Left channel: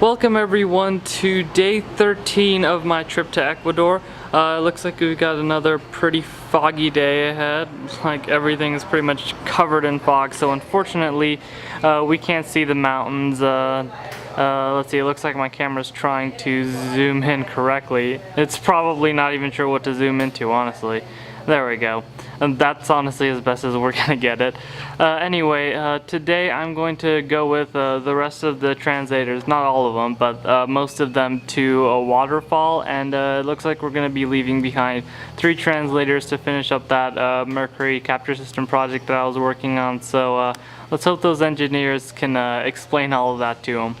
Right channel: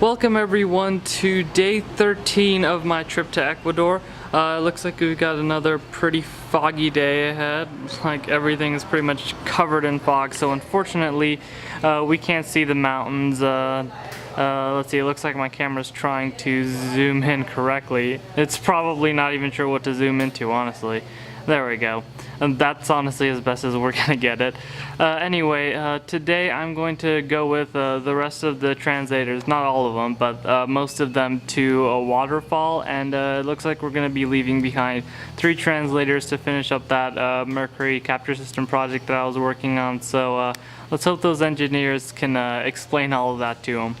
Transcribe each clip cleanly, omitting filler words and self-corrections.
Welcome everyone to day 13 of my trip to Ecuador. It looks like we've got another pretty foggy day ahead. Like everything is pretty much covered in fog, so unfortunately we can't see the mountains. Let's see, it looks like my camera's trying to zoom in correctly. It's probably not even sure what to zoom into, honestly. There we go. And that's honestly as best as we're gonna get it. Anyway, today I'm going to go with the rest of the translators, not all of them, but most of them to a waterfall, and it looks like we're gonna be leaving behind 3 translators to finish up that Mercury capture system project that I was working on. So let's hope those engineers can explain all of that to them.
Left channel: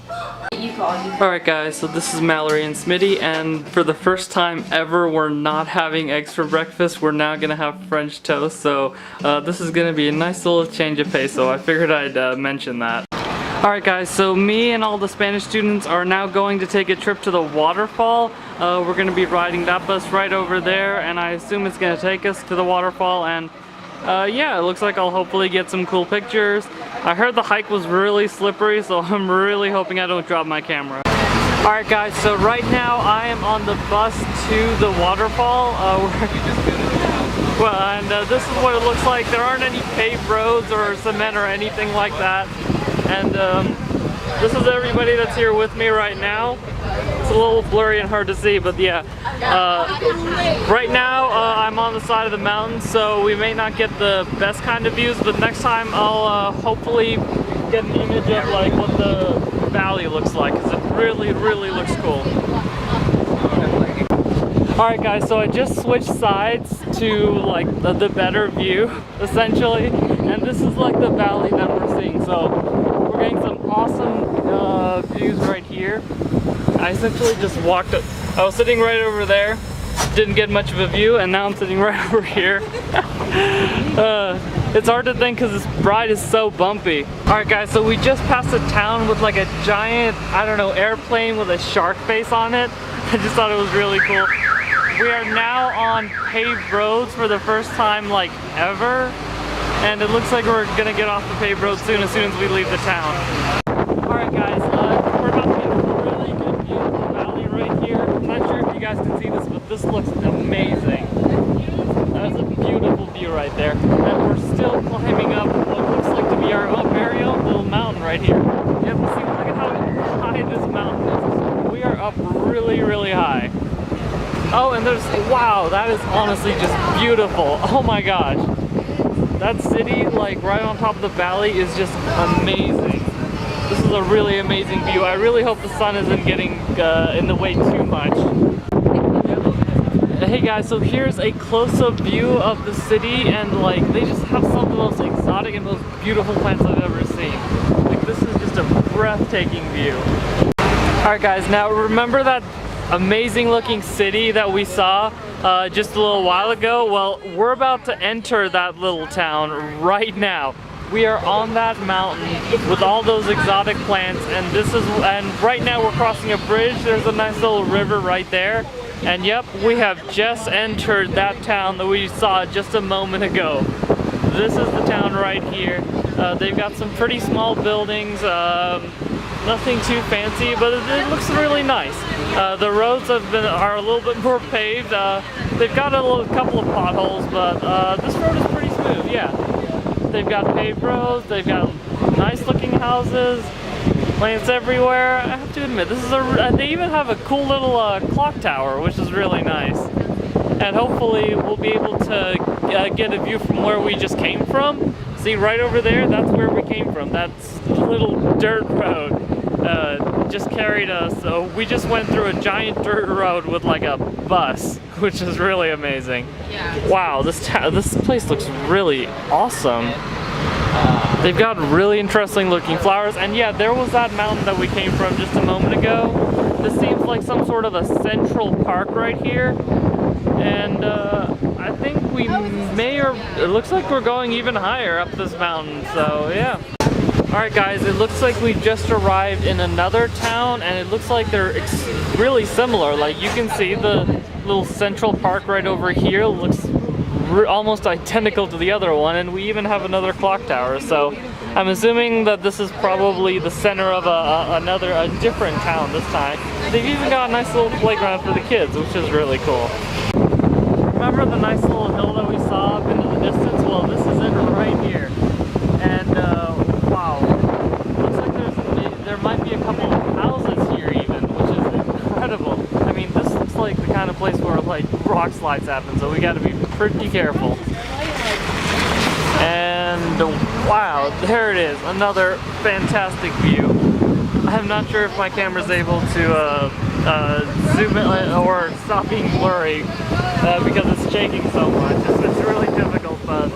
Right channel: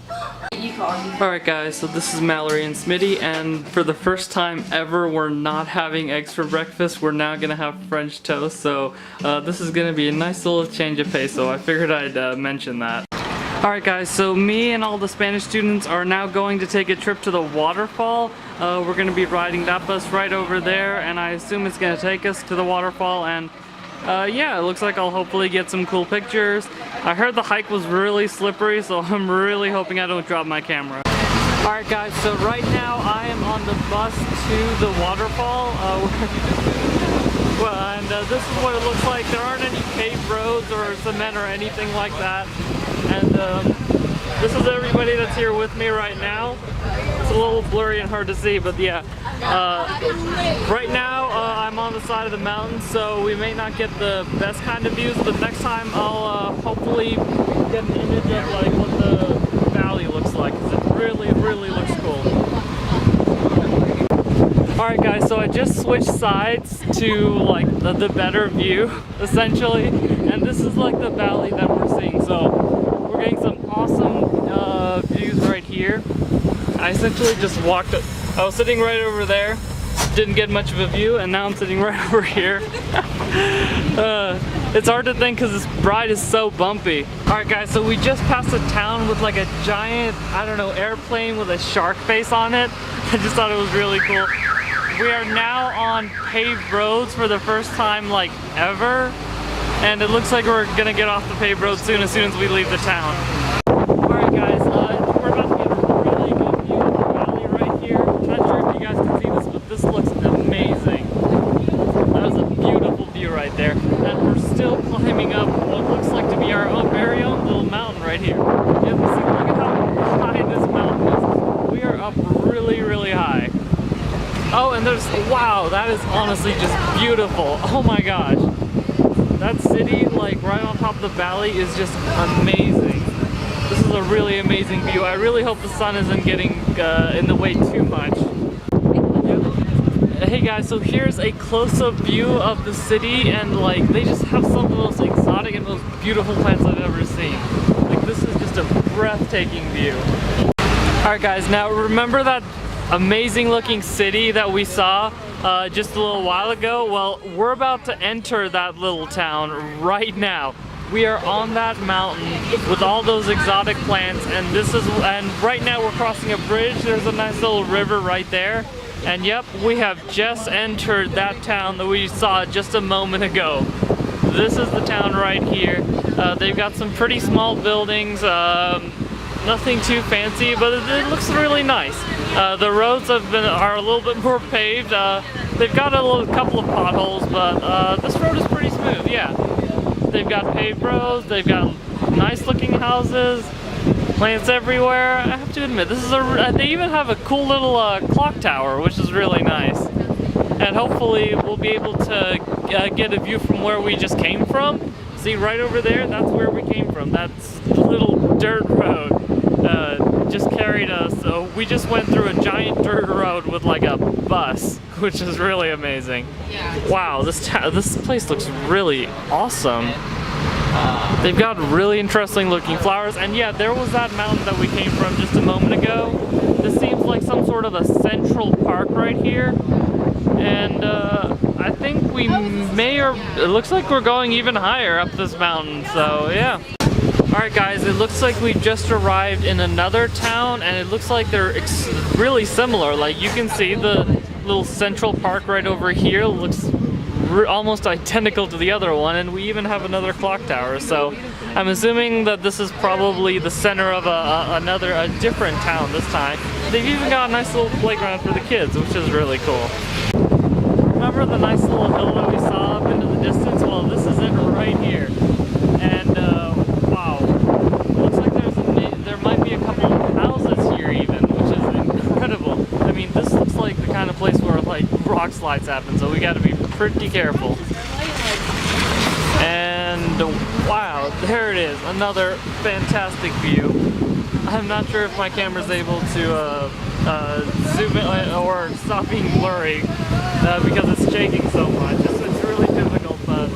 Alright guys, so this is Mallory and Smitty, and for the first time ever we're not having eggs for breakfast. We're now gonna have French toast, so this is gonna be a nice little change of pace, so I figured I'd mention that. Alright guys, so me and all the Spanish students are now going to take a trip to the waterfall. We're gonna be riding that bus right over there, and I assume it's gonna take us to the waterfall, and yeah, it looks like I'll hopefully get some cool pictures. I heard the hike was really slippery, so I'm really hoping I don't drop my camera. Alright guys, so right now I am on the bus to the waterfall. This is what it looks like. There aren't any paved roads or cement or anything like that. And this is everybody that's here with me right now. It's a little blurry and hard to see, but yeah. Right now I'm on the side of the mountain, so we may not get the best kind of views, but next time I'll hopefully get an image of like what the valley looks like, because it really looks cool. Alright guys, so I just switched sides to like the better view, essentially, and this is like the valley that we're seeing. So we're getting some awesome views right here. I essentially just walked up. I was sitting right over there, didn't get much of a view, and now I'm sitting right over here. It's hard to think because this ride is so bumpy. Alright guys, so we just passed a town with like a giant, I don't know, airplane with a shark face on it. I just thought it was really cool. We are now on paved roads for the first time like ever, and it looks like we're gonna get off the paved road soon as we leave the town. Alright guys, we're about to get a really good view of the valley right here. I'm not sure if you guys can see this, but this looks amazing. That is a beautiful view right there. And we're still climbing up what looks like to be our own very own little mountain right here. Yep, see, look at how high this mountain is. We are up really high. Oh, and there's, wow, that is honestly just beautiful. Oh my gosh. That city, like right on top of the valley, is just amazing. This is a really amazing view. I really hope the sun isn't getting in the way too much. Hey guys, so here's a close-up view of the city, and like they just have some of the most exotic and most beautiful plants I've ever seen. Like this is just a breathtaking view. Alright guys, now remember that amazing looking city that we saw just a little while ago? Well, we're about to enter that little town right now. We are on that mountain with all those exotic plants, and right now we're crossing a bridge. There's a nice little river right there. And yep, we have just entered that town that we saw just a moment ago. This is the town right here. They've got some pretty small buildings, nothing too fancy, but it looks really nice. The roads are a little bit more paved. They've got a couple of potholes, but this road is pretty smooth, yeah. They've got paved roads, they've got nice looking houses, plants everywhere. I have to admit, this is they even have a cool little clock tower, which is really nice. And hopefully we'll be able to get a view from where we just came from. See, right over there, that's where we came from. That's the little dirt road. Just carried us. So we just went through a giant dirt road with like a bus, which is really amazing. Yeah. Wow, this place looks really awesome. They've got really interesting looking flowers, and yeah, there was that mountain that we came from just a moment ago. This seems like some sort of a central park right here, and I think we it looks like we're going even higher up this mountain, so yeah. Alright guys, it looks like we just arrived in another town, and it looks like they're really similar. Like you can see the little central park right over here looks almost identical to the other one, and we even have another clock tower. So I'm assuming that this is probably the center of a different town this time. They've even got a nice little playground for the kids, which is really cool. Remember the nice little hill that we saw up into the distance? Well, this is it right here. And wow, looks like there might be a couple of houses here even, which is incredible. I mean, this looks like the kind of place where like rock slides happen, so we got to be pretty careful. And wow, there it is, another fantastic view. I'm not sure if my camera's able to zoom in or stop being blurry because it's shaking so much. It's really difficult, but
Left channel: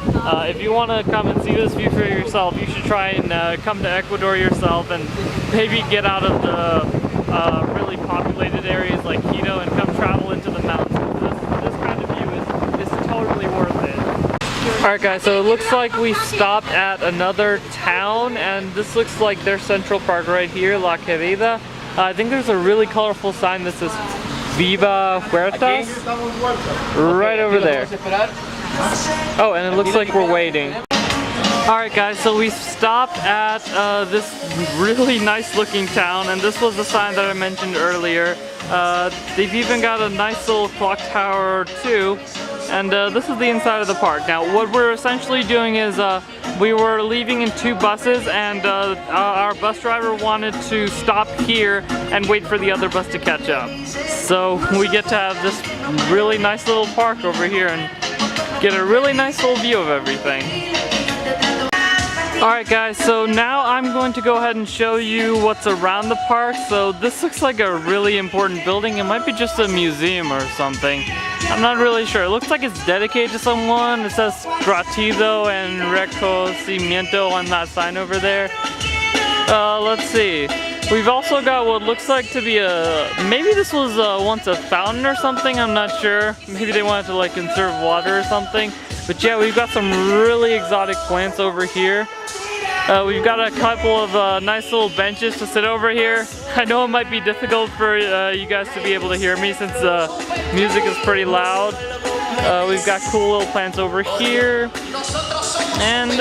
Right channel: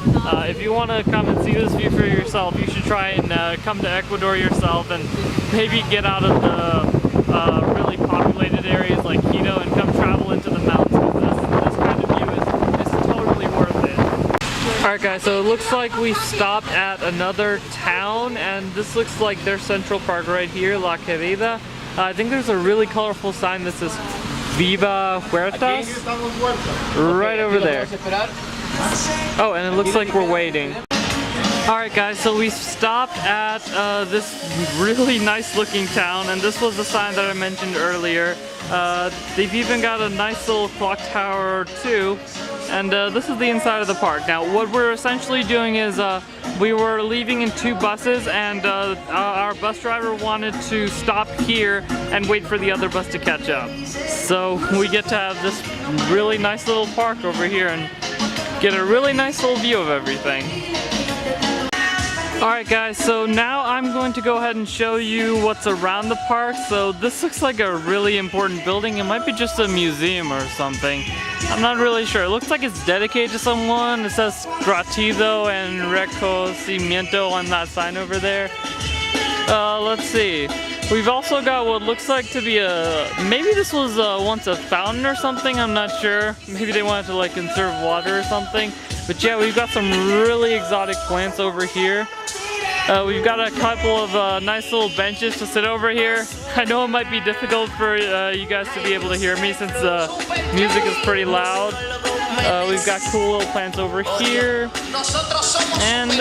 if you want to come and see this view for yourself, you should try and come to Ecuador yourself and maybe get out of the really populated areas like Quito and come travel into the mountains, because this kind of view is totally worth it. Alright guys, so it looks like we've stopped at another town, and this looks like their central park right here, La Querida. I think there's a really colorful sign that says Viva Huertas right over there. Oh, and it looks like we're waiting. Alright guys, so we stopped at this really nice looking town, and this was the sign that I mentioned earlier. They've even got a nice little clock tower too. And this is the inside of the park. Now what we're essentially doing is we were leaving in 2 buses, and our bus driver wanted to stop here and wait for the other bus to catch up. So we get to have this really nice little park over here and get a really nice little view of everything. Alright guys, so now I'm going to go ahead and show you what's around the park. So this looks like a really important building. It might be just a museum or something. I'm not really sure. It looks like it's dedicated to someone. It says Gratido and Reconocimiento on that sign over there. Let's see. We've also got what looks like to be maybe this was once a fountain or something, I'm not sure. Maybe they wanted to like conserve water or something. But yeah, we've got some really exotic plants over here. We've got a couple of nice little benches to sit over here. I know it might be difficult for you guys to be able to hear me since the music is pretty loud. We've got cool little plants over here. And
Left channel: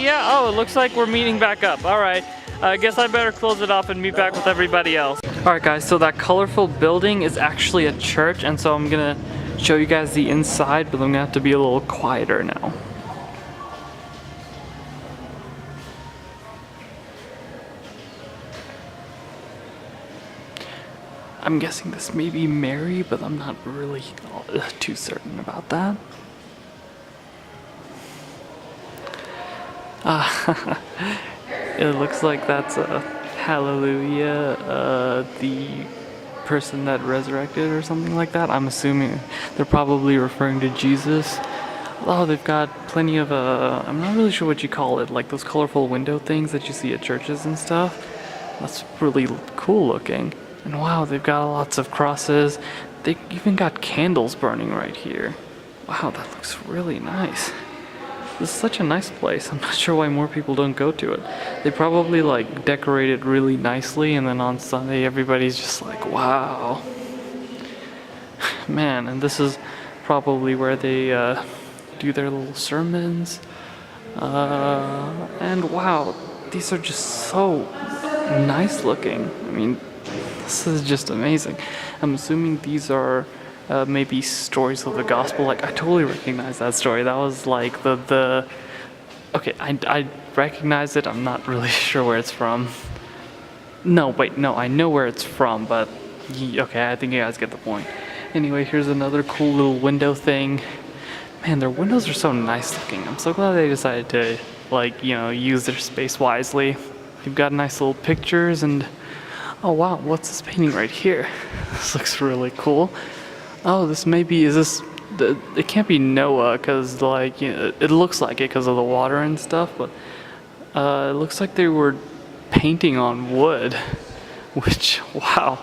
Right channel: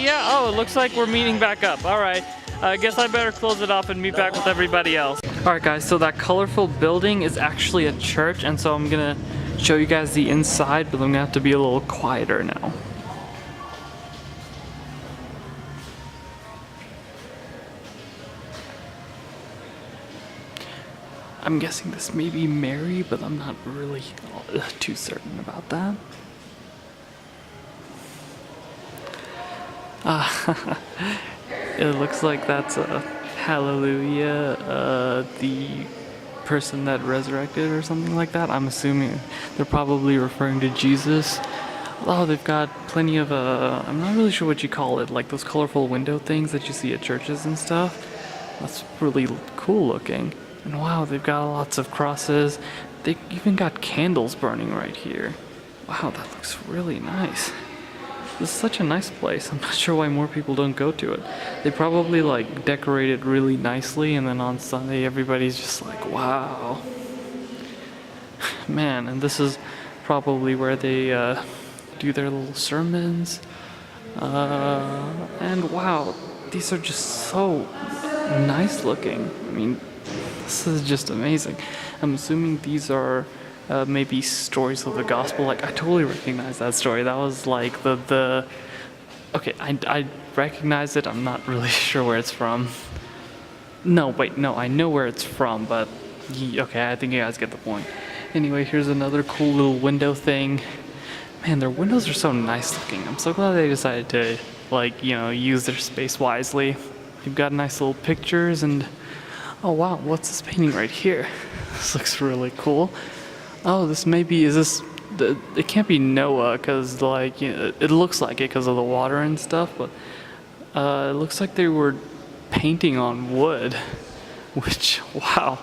yeah, oh, it looks like we're meeting back up. Alright, I guess I better close it off and meet back with everybody else. Alright guys, so that colorful building is actually a church, and so I'm gonna show you guys the inside, but I'm gonna have to be a little quieter now. I'm guessing this may be Mary, but I'm not really too certain about that. It looks like that's a Hallelujah, the person that resurrected or something like that. I'm assuming they're probably referring to Jesus. Oh, they've got plenty of, I'm not really sure what you call it, like those colorful window things that you see at churches and stuff. That's really cool looking. And wow, they've got lots of crosses. They even got candles burning right here. Wow, that looks really nice. This is such a nice place. I'm not sure why more people don't go to it. They probably like decorate it really nicely, and then on Sunday everybody's just like, wow. Man, and this is probably where they do their little sermons. And wow, these are just so nice looking. I mean, this is just amazing. I'm assuming these are maybe stories of the gospel. Like, I totally recognize that story. That was like the okay, I recognize it. I'm not really sure where it's from. No, wait, no, I know where it's from, but okay, I think you guys get the point. Anyway, here's another cool little window thing. Man, their windows are so nice looking. I'm so glad they decided to, like, you know, use their space wisely. You've got nice little pictures, and oh wow, what's this painting right here? This looks really cool. Oh, this maybe, it can't be Noah, because like, you know, it looks like it because of the water and stuff, but it looks like they were painting on wood, which, wow,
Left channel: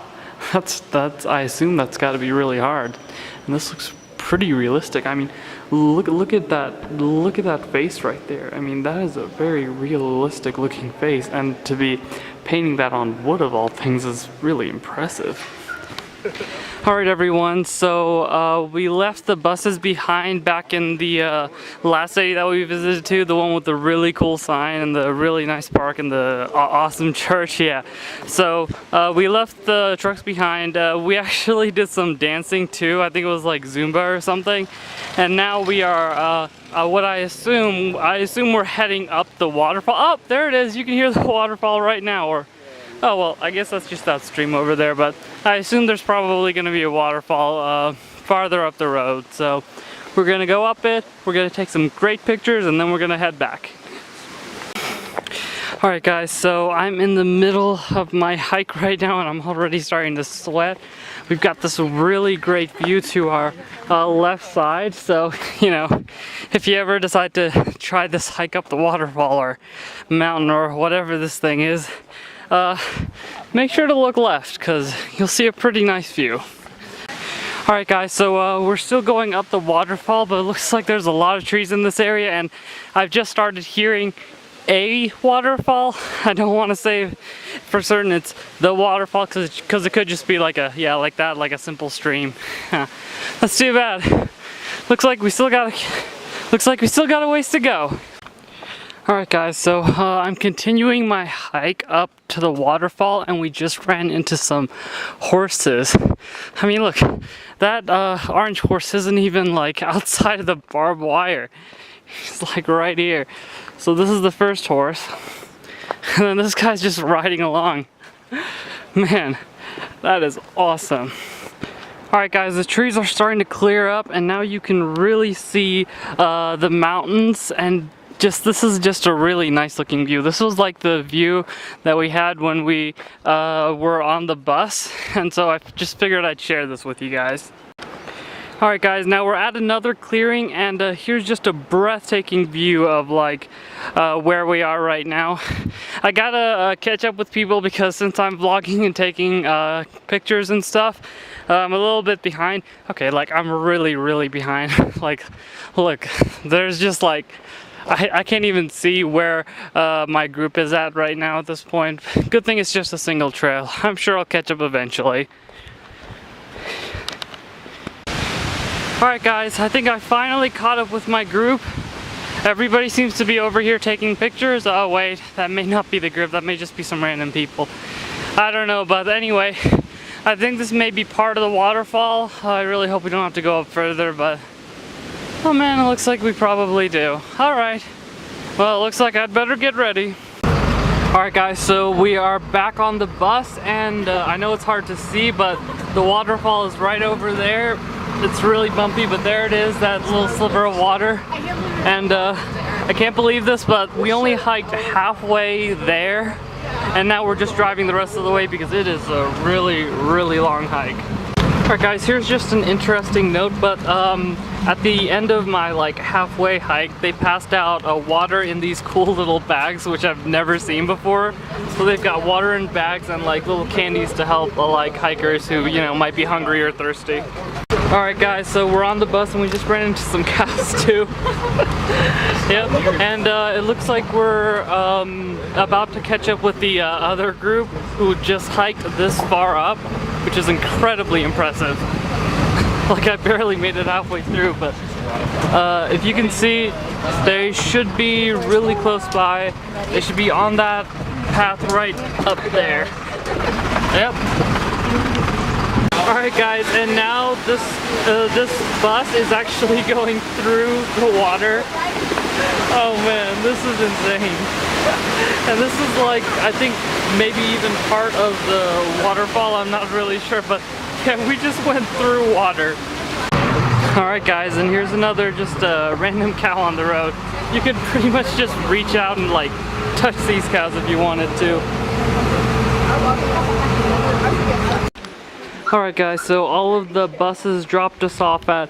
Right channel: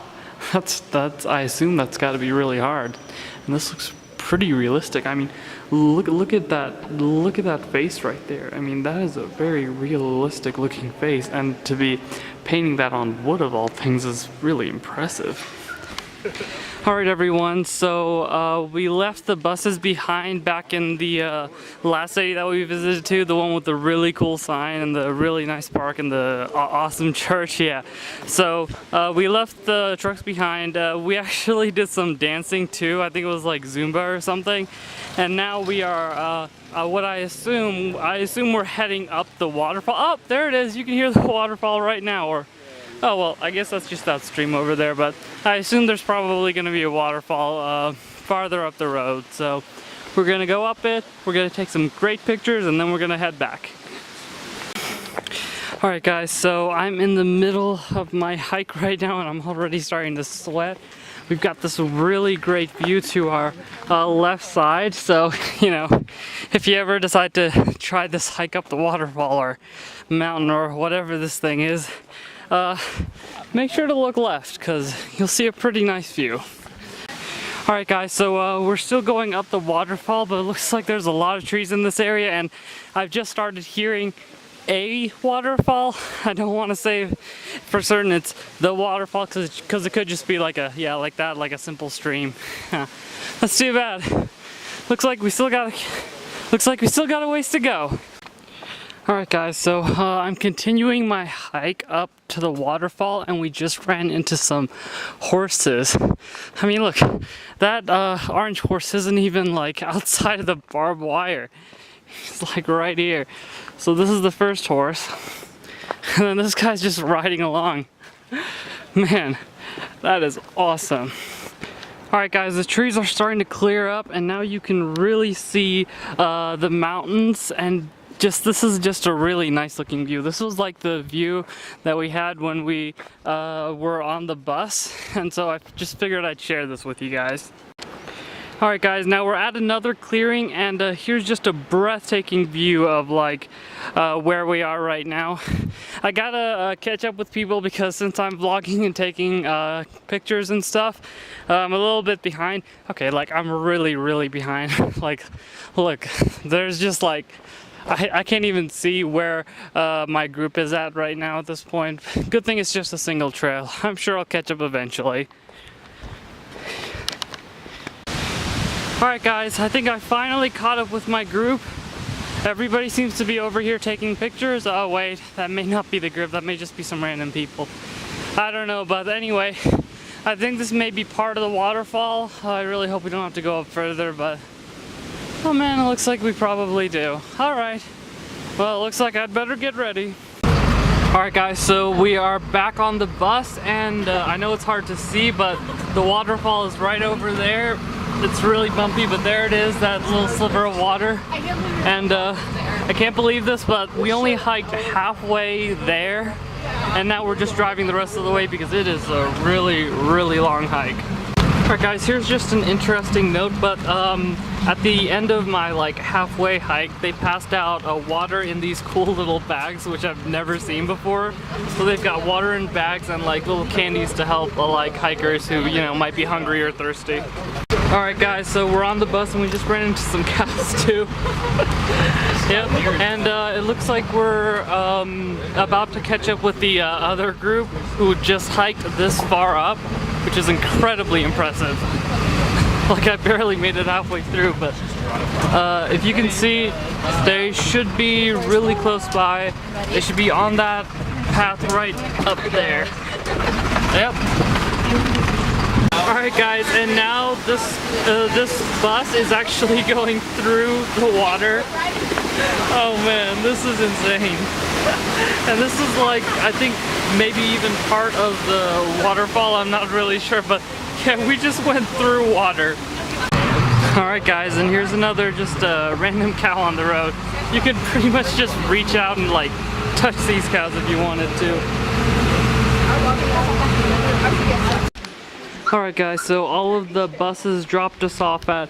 that's I assume that's got to be really hard. And this looks pretty realistic. I mean, look at that face right there. I mean, that is a very realistic looking face, and to be painting that on wood of all things is really impressive. Alright everyone, so we left the buses behind back in the last city that we visited to, the one with the really cool sign and the really nice park and the awesome church, yeah. So we left the trucks behind. We actually did some dancing too. I think it was like Zumba or something. And now we are, what I assume we're heading up the waterfall. Oh, there it is, you can hear the waterfall right now. Or oh well, I guess that's just that stream over there, but I assume there's probably going to be a waterfall farther up the road. So we're going to go up it, we're going to take some great pictures, and then we're going to head back. Alright guys, so I'm in the middle of my hike right now and I'm already starting to sweat. We've got this really great view to our left side, so you know, if you ever decide to try this hike up the waterfall or mountain or whatever this thing is, make sure to look left because you'll see a pretty nice view. Alright guys, so we're still going up the waterfall, but it looks like there's a lot of trees in this area and I've just started hearing a waterfall. I don't want to say for certain it's the waterfall because it could just be like a, yeah, like that, like a simple stream. That's too bad. Looks like we still got a ways to go. Alright guys, so I'm continuing my hike up to the waterfall and we just ran into some horses. I mean look, that orange horse isn't even like outside of the barbed wire. He's like right here. So this is the first horse. And then this guy's just riding along. Man, that is awesome. Alright guys, the trees are starting to clear up and now you can really see the mountains, and this is just a really nice looking view. This was like the view that we had when we were on the bus, and so I just figured I'd share this with you guys. Alright guys, now we're at another clearing and here's just a breathtaking view of like where we are right now. I gotta catch up with people because since I'm vlogging and taking pictures and stuff, I'm a little bit behind. Okay, like I'm really behind. Like, look, there's just like, I can't even see where my group is at right now at this point. Good thing it's just a single trail. I'm sure I'll catch up eventually. Alright guys, I think I finally caught up with my group. Everybody seems to be over here taking pictures. Oh wait, that may not be the group, that may just be some random people. I don't know, but anyway, I think this may be part of the waterfall. I really hope we don't have to go up further, but oh man, it looks like we probably do. Alright, well it looks like I'd better get ready. Alright guys, so we are back on the bus and I know it's hard to see, but the waterfall is right over there. It's really bumpy, but there it is, that little sliver of water. And I can't believe this, but we only hiked halfway there, and now we're just driving the rest of the way because it is a really long hike. Alright guys, here's just an interesting note, but at the end of my like halfway hike, they passed out water in these cool little bags, which I've never seen before. So they've got water in bags and like little candies to help like hikers who, you know, might be hungry or thirsty. Alright guys, so we're on the bus and we just ran into some cows too. Yep, and it looks like we're about to catch up with the other group who just hiked this far up, which is incredibly impressive. Like I barely made it halfway through, but if you can see, they should be really close by. They should be on that path right up there. Yep. Alright guys, and now this bus is actually going through the water. Oh man, this is insane. And this is like, I think maybe even part of the waterfall, I'm not really sure, but yeah, we just went through water. Alright guys, and here's another just a random cow on the road. You could pretty much just reach out and like touch these cows if you wanted to. Alright guys, so all of the buses dropped us off at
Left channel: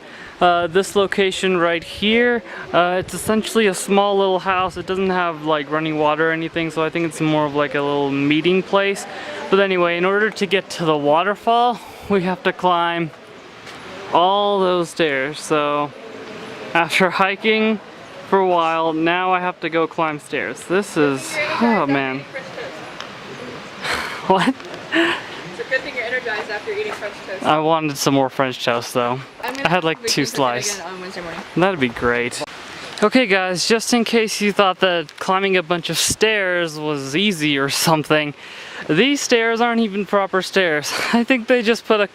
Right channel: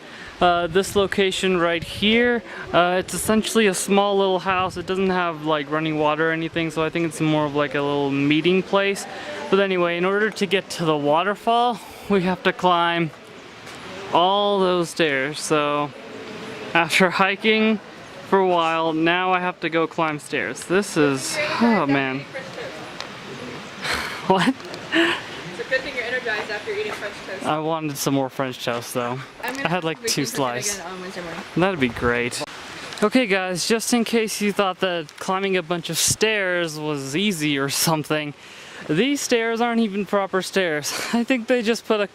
this location right here. It's essentially a small little house. It doesn't have like running water or anything, so I think it's more of like a little meeting place. But anyway, in order to get to the waterfall, we have to climb all those stairs. So after hiking for a while, now I have to go climb stairs. This is, oh man. What? Good thing you're energized after eating French toast. I wanted some more French toast though. I had like 2 slices. On Wednesday morning. That'd be great. Okay guys, just in case you thought that climbing a bunch of stairs was easy or something, these stairs aren't even proper stairs. I think they just put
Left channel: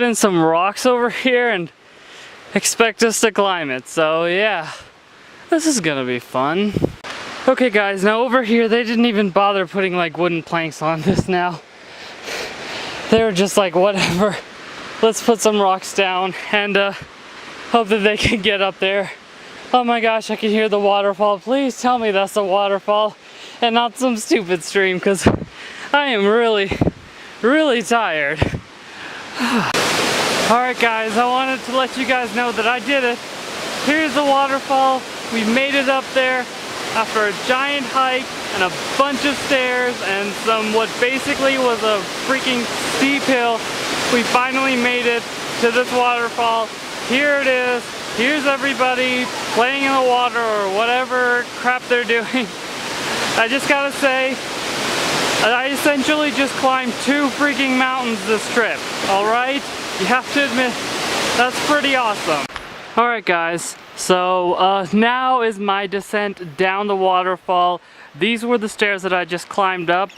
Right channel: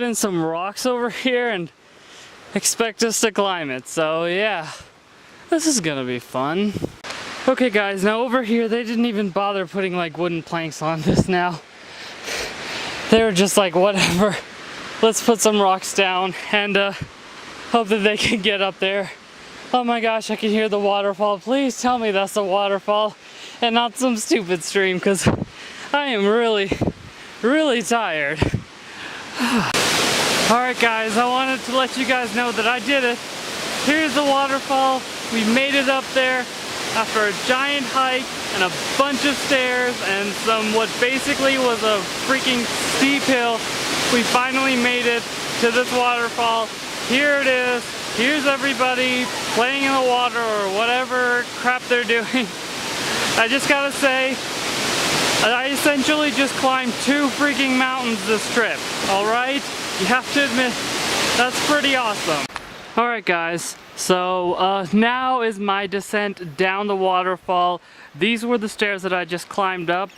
in some rocks over here and expect us to climb it. So yeah, this is gonna be fun. Okay guys, now over here they didn't even bother putting like wooden planks on this now. They were just like, whatever, let's put some rocks down and hope that they can get up there. Oh my gosh, I can hear the waterfall. Please tell me that's a waterfall and not some stupid stream, because I am really, really tired. Alright guys, I wanted to let you guys know that I did it. Here's the waterfall. We made it up there after a giant hike and a bunch of stairs and some what basically was a freaking steep hill. We finally made it to this waterfall. Here it is. Here's everybody playing in the water or whatever crap they're doing. I just gotta say, I essentially just climbed 2 freaking mountains this trip, alright? You have to admit, that's pretty awesome. Alright guys, so now is my descent down the waterfall. These were the stairs that I just climbed up,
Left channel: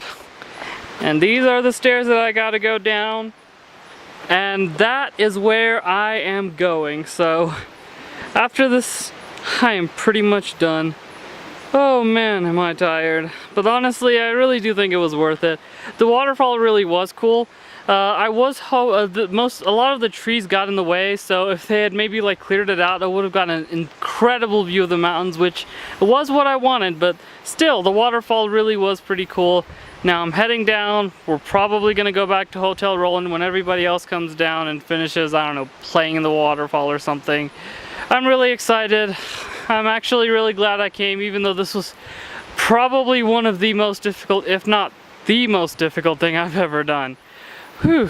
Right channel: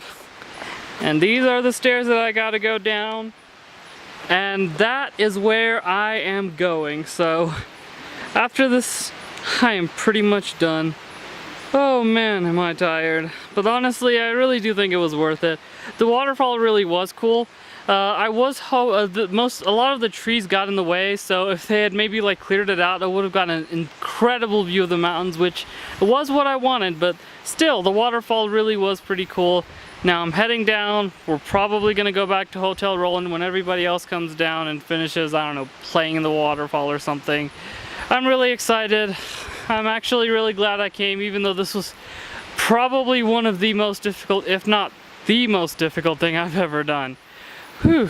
and these are the stairs that I gotta go down, and that is where I am going. So after this, I am pretty much done. Oh man, am I tired. But honestly, I really do think it was worth it. The waterfall really was cool. A lot of the trees got in the way, so if they had maybe like cleared it out, I would have gotten an incredible view of the mountains, which was what I wanted, but still, the waterfall really was pretty cool. Now I'm heading down. We're probably gonna go back to Hotel Roland when everybody else comes down and finishes, I don't know, playing in the waterfall or something. I'm really excited. I'm actually really glad I came, even though this was probably one of the most difficult, if not the most difficult thing I've ever done. Whew.